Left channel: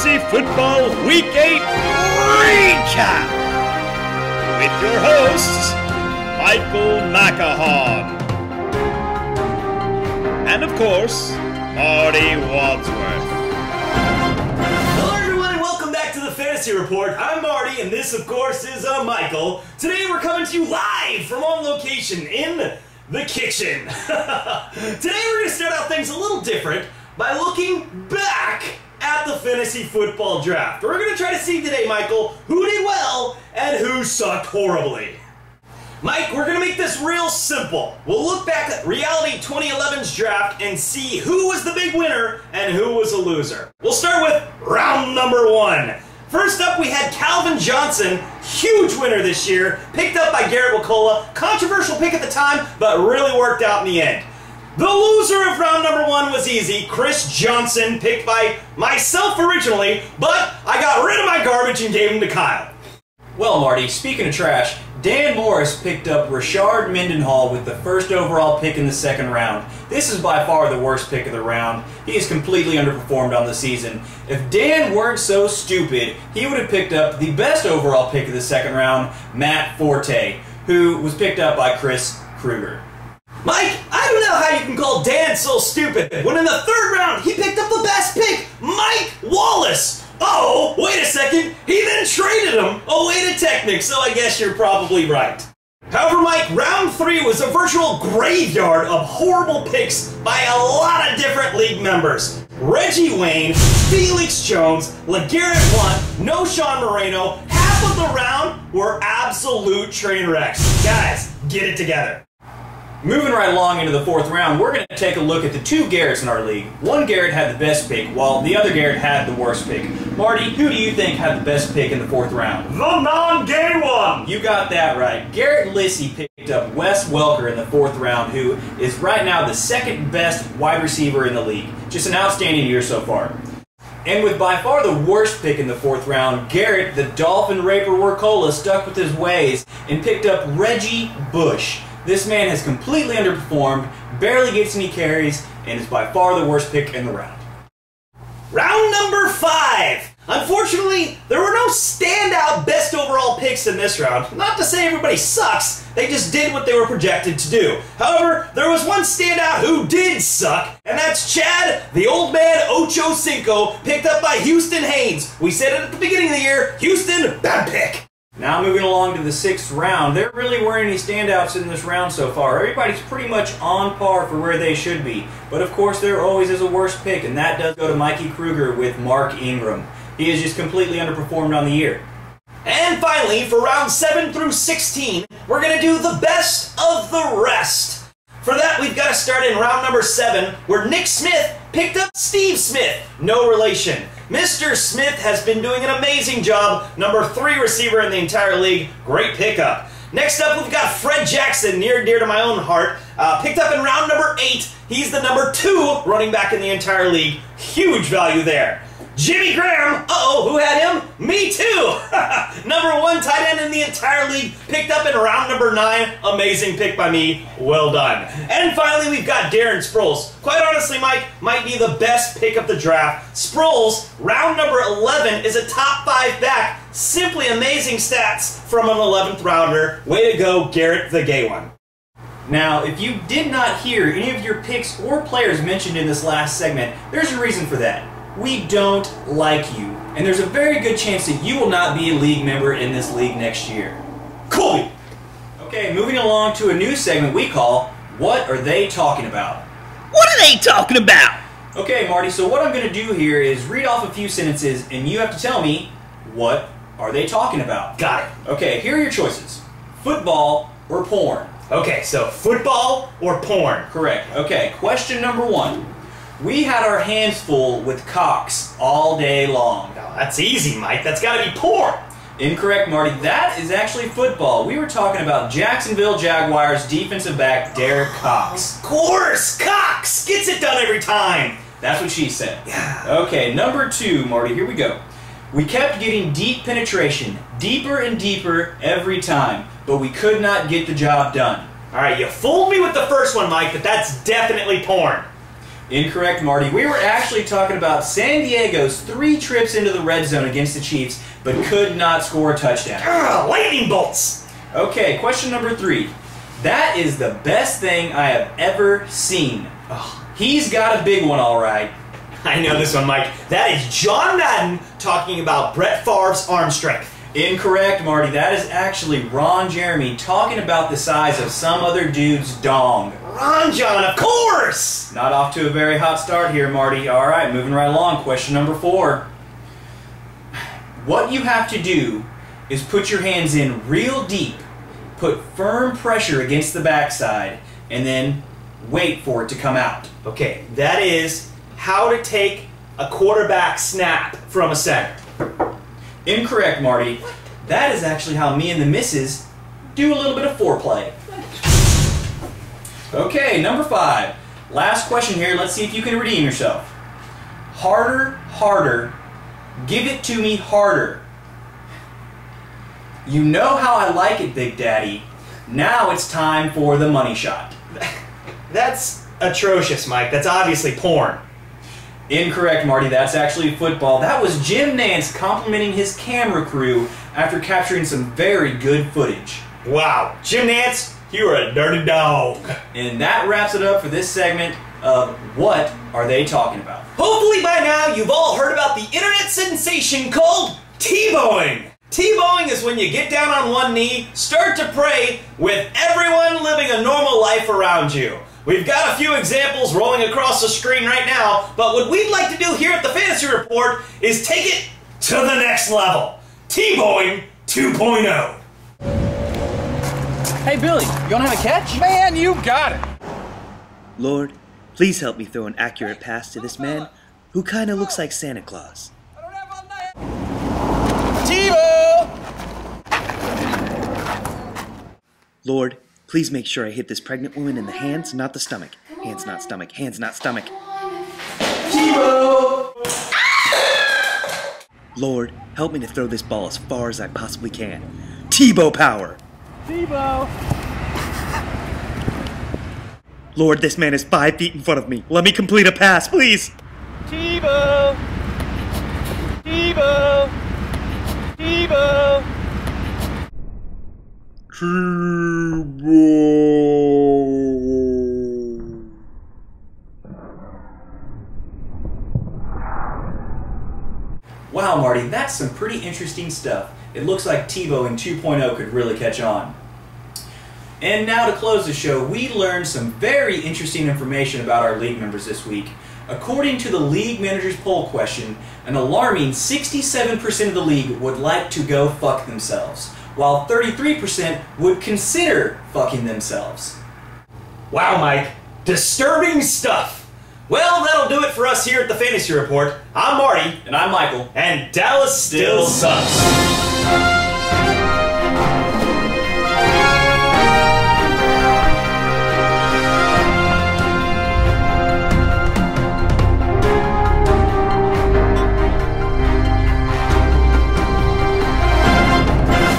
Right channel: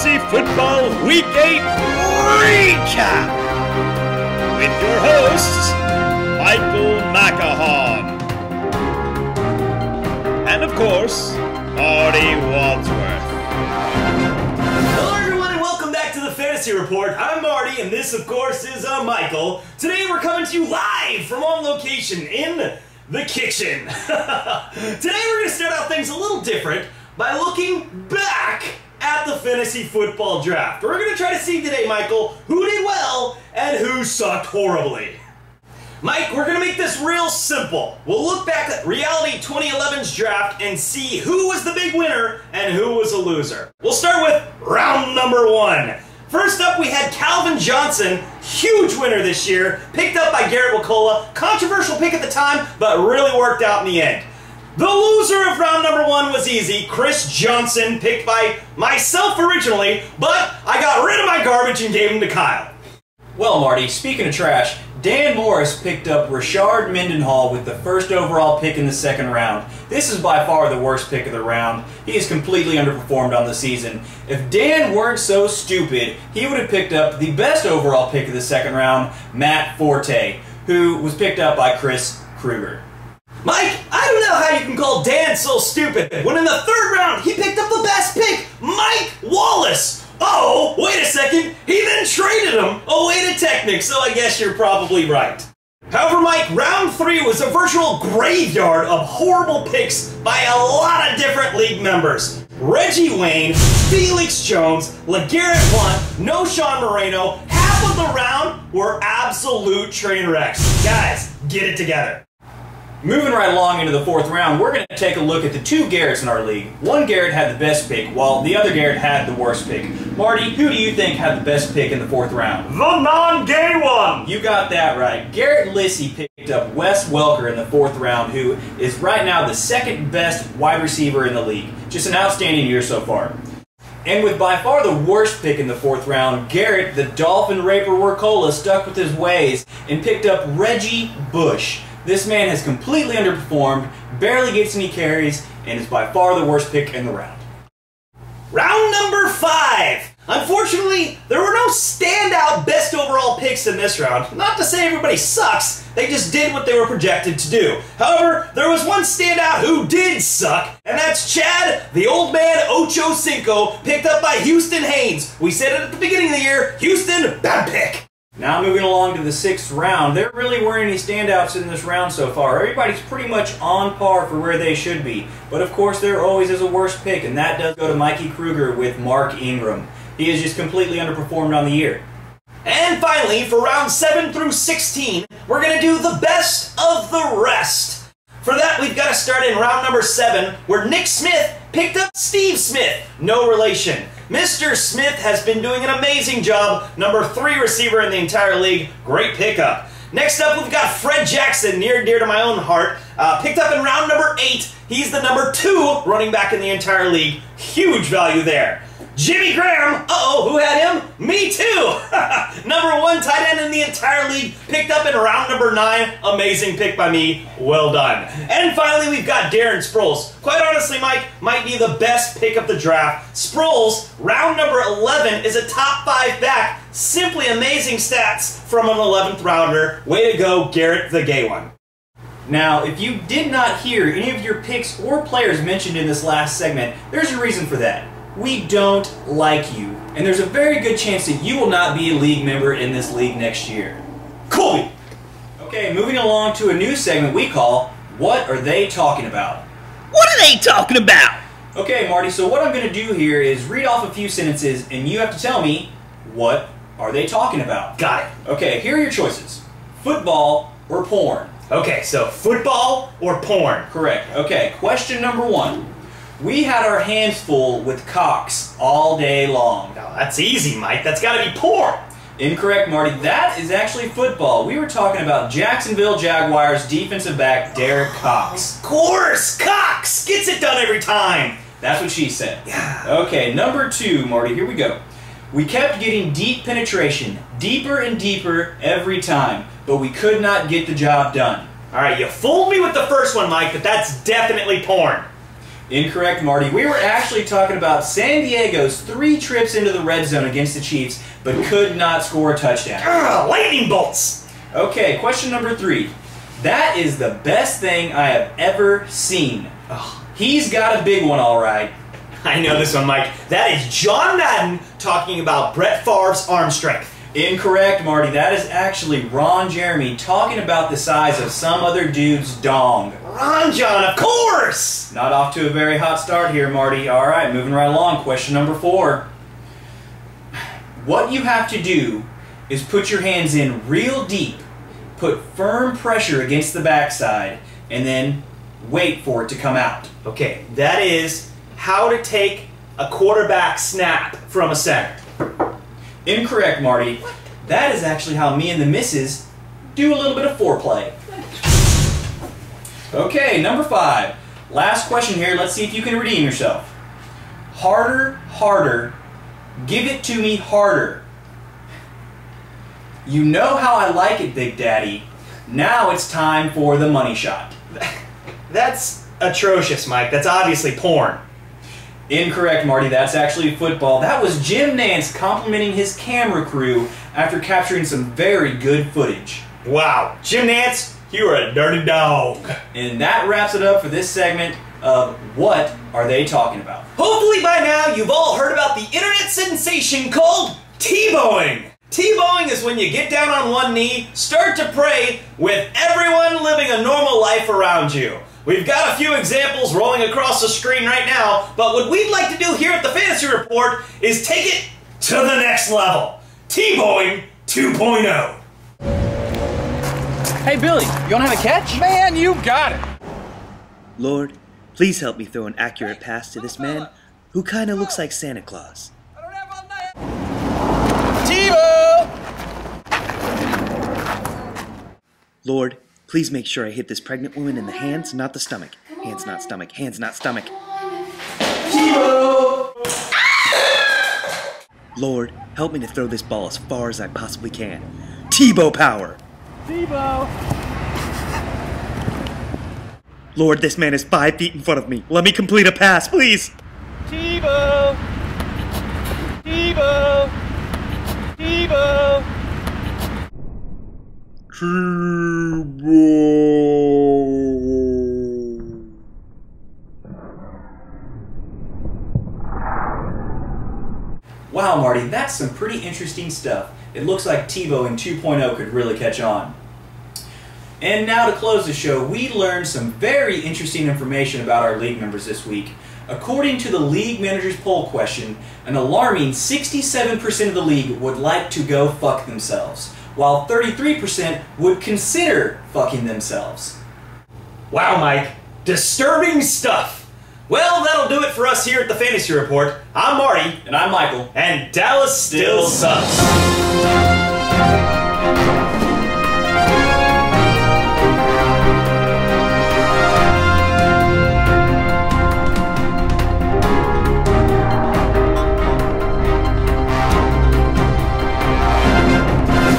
Fantasy Football Week 8 Recap with your hosts, Michael Macahon and, of course, Marty Wadsworth. Hello everyone and welcome back to the Fantasy Report. I'm Marty and this, of course, is Michael. Today we're coming to you live from on location in the kitchen. Today we're going to start out things a little different by looking back at the fantasy football draft. We're going to try to see today, Michael, who did well and who sucked horribly. Mike, we're going to make this real simple. We'll look back at Reality 2011's draft and see who was the big winner and who was a loser. We'll start with round number 1. First up, we had Calvin Johnson, huge winner this year, picked up by Garrett Wacola. Controversial pick at the time, but really worked out in the end. The loser of round number 1 was easy, Chris Johnson, picked by myself originally, but I got rid of my garbage and gave him to Kyle. Well, Marty, speaking of trash, Dan Morris picked up Rashard Mendenhall with the first overall pick in the second round. This is by far the worst pick of the round. He is completely underperformed on the season. If Dan weren't so stupid, he would have picked up the best overall pick of the second round, Matt Forte, who was picked up by Chris Kruger. Mike, I don't know how you can call Dan so stupid when in the third round he picked up the best pick, Mike Wallace. Oh, wait a second, he then traded him away to Technic, so I guess you're probably right. However, Mike, round 3 was a virtual graveyard of horrible picks by a lot of different league members. Reggie Wayne, Felix Jones, LeGarrette Blount, No Sean Moreno, half of the round were absolute train wrecks. Guys, get it together. Moving right along into the fourth round, we're going to take a look at the two Garretts in our league. One Garrett had the best pick, while the other Garrett had the worst pick. Marty, who do you think had the best pick in the fourth round? The non-gay one! You got that right. Garrett Lissy picked up Wes Welker in the fourth round, who is right now the second best wide receiver in the league. Just an outstanding year so far. And with by far the worst pick in the fourth round, Garrett, the Dolphin Raper Workola, stuck with his ways and picked up Reggie Bush. This man has completely underperformed, barely gets any carries, and is by far the worst pick in the round. Round number 5! Unfortunately, there were no standout best overall picks in this round. Not to say everybody sucks, they just did what they were projected to do. However, there was one standout who did suck, and that's Chad, the old man Ocho Cinco, picked up by Houston Haynes. We said it at the beginning of the year, Houston, bad pick. Now moving along to the sixth round, there really weren't any standouts in this round so far. Everybody's pretty much on par for where they should be. But of course there always is a worst pick, and that does go to Mikey Kruger with Mark Ingram. He is just completely underperformed on the year. And finally, for round 7 through 16, we're going to do the best of the rest. For that, we've got to start in round number 7, where Nick Smith picked up Steve Smith, no relation. Mr. Smith has been doing an amazing job, number 3 receiver in the entire league, great pickup. Next up, we've got Fred Jackson, near and dear to my own heart, picked up in round number 8. He's the number 2 running back in the entire league, huge value there. Jimmy Graham, who had him? Me too! Number 1 tight end in the entire league, picked up in round number 9. Amazing pick by me, well done. And finally, we've got Darren Sproles. Quite honestly, Mike, might be the best pick of the draft. Sproles, round number 11, is a top 5 back. Simply amazing stats from an 11th rounder. Way to go, Garrett the gay one. Now, if you did not hear any of your picks or players mentioned in this last segment, there's a reason for that. We don't like you, and there's a very good chance that you will not be a league member in this league next year. Cool! Okay, moving along to a new segment we call, What Are They Talking About? What are they talking about? Okay, Marty, so what I'm going to do here is read off a few sentences, and you have to tell me, what are they talking about? Got it. Okay, here are your choices. Football or porn? Okay, so football or porn? Correct. Okay, question number 1. We had our hands full with cocks all day long. Now, that's easy, Mike. That's got to be porn. Incorrect, Marty. That is actually football. We were talking about Jacksonville Jaguars defensive back Derek Cox. Of course! Cox gets it done every time. That's what she said. Yeah. Okay, number 2, Marty. Here we go. We kept getting deep penetration, deeper and deeper every time, but we could not get the job done. All right, you fooled me with the first one, Mike, but that's definitely porn. Incorrect, Marty. We were actually talking about San Diego's 3 trips into the red zone against the Chiefs, but could not score a touchdown. Lightning bolts! Okay, question number 3. That is the best thing I have ever seen. He's got a big one, all right. I know this one, Mike. That is John Madden talking about Brett Favre's arm strength. Incorrect, Marty. That is actually Ron Jeremy talking about the size of some other dude's dong. Ron John, of course! Not off to a very hot start here, Marty. All right, moving right along. Question number 4. What you have to do is put your hands in real deep, put firm pressure against the backside, and then wait for it to come out. Okay, that is how to take a quarterback snap from a center. Incorrect, Marty. That is actually how me and the missus do a little bit of foreplay. Okay, number 5. Last question here. Let's see if you can redeem yourself. Harder, harder. Give it to me harder. You know how I like it, Big Daddy. Now it's time for the money shot. That's atrocious, Mike. That's obviously porn. Incorrect, Marty. That's actually football. That was Jim Nantz complimenting his camera crew after capturing some very good footage. Wow. Jim Nantz, you're a dirty dog. And that wraps it up for this segment of What Are They Talking About? Hopefully by now you've all heard about the internet sensation called T-bowing. T-bowing is when you get down on one knee, start to pray, with everyone living a normal life around you. We've got a few examples rolling across the screen right now, but what we'd like to do here at the Fantasy Report is take it to the next level. T-bowing 2.0. Hey, Billy, you want to have a catch? Man, you got it! Lord, please help me throw an accurate pass to this man who kinda looks like Santa Claus. Tebow! Lord, please make sure I hit this pregnant woman in the hands, not the stomach. Hands, not stomach. Hands, not stomach. Tebow! Lord, help me to throw this ball as far as I possibly can. Tebow power! Tebow! Lord, this man is 5 feet in front of me. Let me complete a pass, please! Tebow! Tebow! Tebow! Wow, Marty, that's some pretty interesting stuff. It looks like T-bowing 2.0 could really catch on. And now to close the show, we learned some very interesting information about our league members this week. According to the League Manager's poll question, an alarming 67% of the league would like to go fuck themselves, while 33% would consider fucking themselves. Wow, Mike. Disturbing stuff. Well, that'll do it for us here at the Fantasy Report. I'm Marty. And I'm Michael. And Dallas still sucks.